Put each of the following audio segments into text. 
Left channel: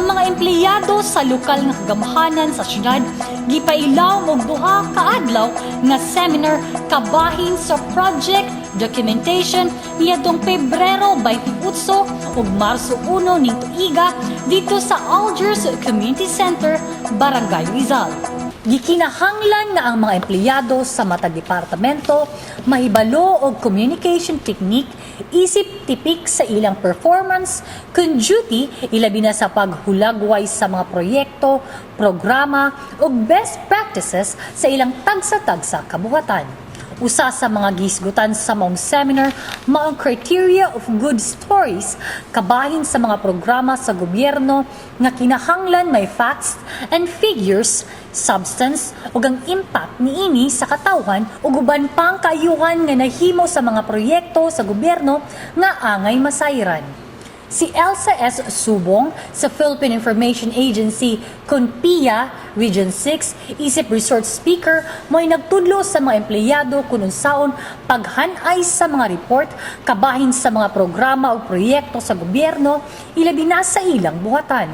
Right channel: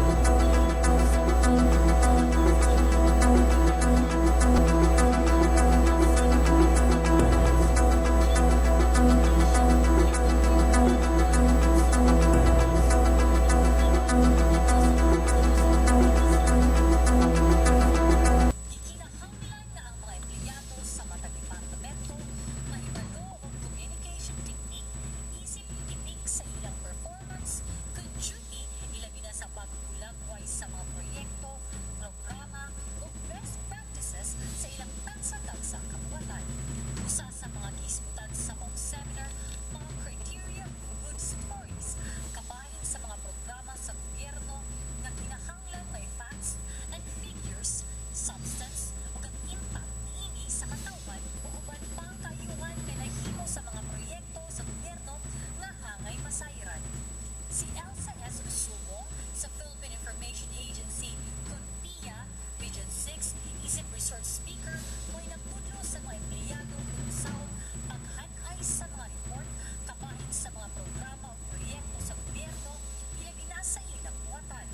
Mga empleyado sa lokal nga kagamahanan sa syudad gipailaw og duha ka adlaw nga seminar kabahin sa project documentation niadtong Pebrero 28 ug Marso 1 ning tuiga dito sa Algiers Community Center, Barangay Rizal. Gikinahanglan nga ang mga empleyado sa matag departamento mahibalo og communication technique isip tipik sa ilang performance kun duty ilabi na sa paghulagway sa mga proyekto, programa ug best practices sa ilang tagsa-tagsa kabuhatan. Usa sa mga gisgutan sa maong seminar mao ang criteria of good stories kabahin sa mga programa sa gobyerno nga kinahanglan may facts and figures substance ug ang impact niini sa katawhan ug uban pang kaayuhan nga nahimo sa mga proyekto sa gobyerno nga angay masayran. Si Elsa S. Subong sa Philippine Information Agency, CONPIA, Region 6, isip resort speaker, mo'y nagtudlo sa mga empleyado kung unsaon paghanay sa mga report, kabahin sa mga programa o proyekto sa gobyerno, ilabi na sa ilang buhatan.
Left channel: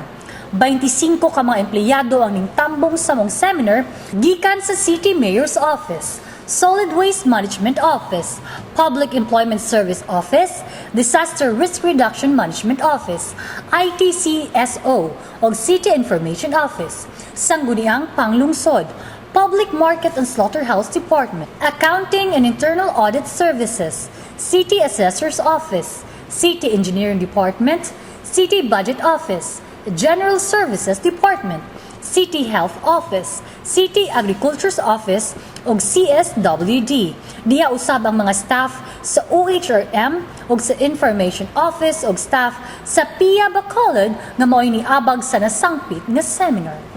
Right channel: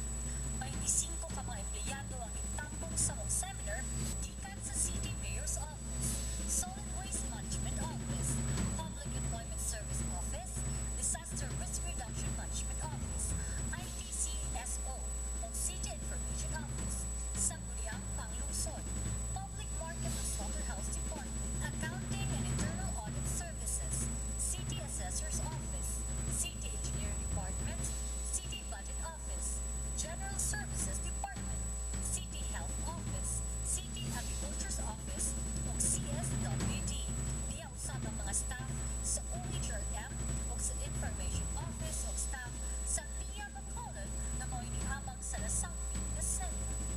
25 ka mga empleyado ang ningtambong sa mong seminar gikan sa City Mayor's Office. Solid Waste Management Office, Public Employment Service Office, Disaster Risk Reduction Management Office, ITCSO, o City Information Office, Sangguniang Panglungsod, Public Market and Slaughterhouse Department, Accounting and Internal Audit Services, City Assessor's Office, City Engineering Department, City Budget Office, General Services Department, City Health Office, City Agriculture's Office, ug CSWD. Diya usab ang mga staff sa OHRM ug sa Information Office ug staff sa PIA Bacolod nga mao'y niabag sa nasangpit nga seminar.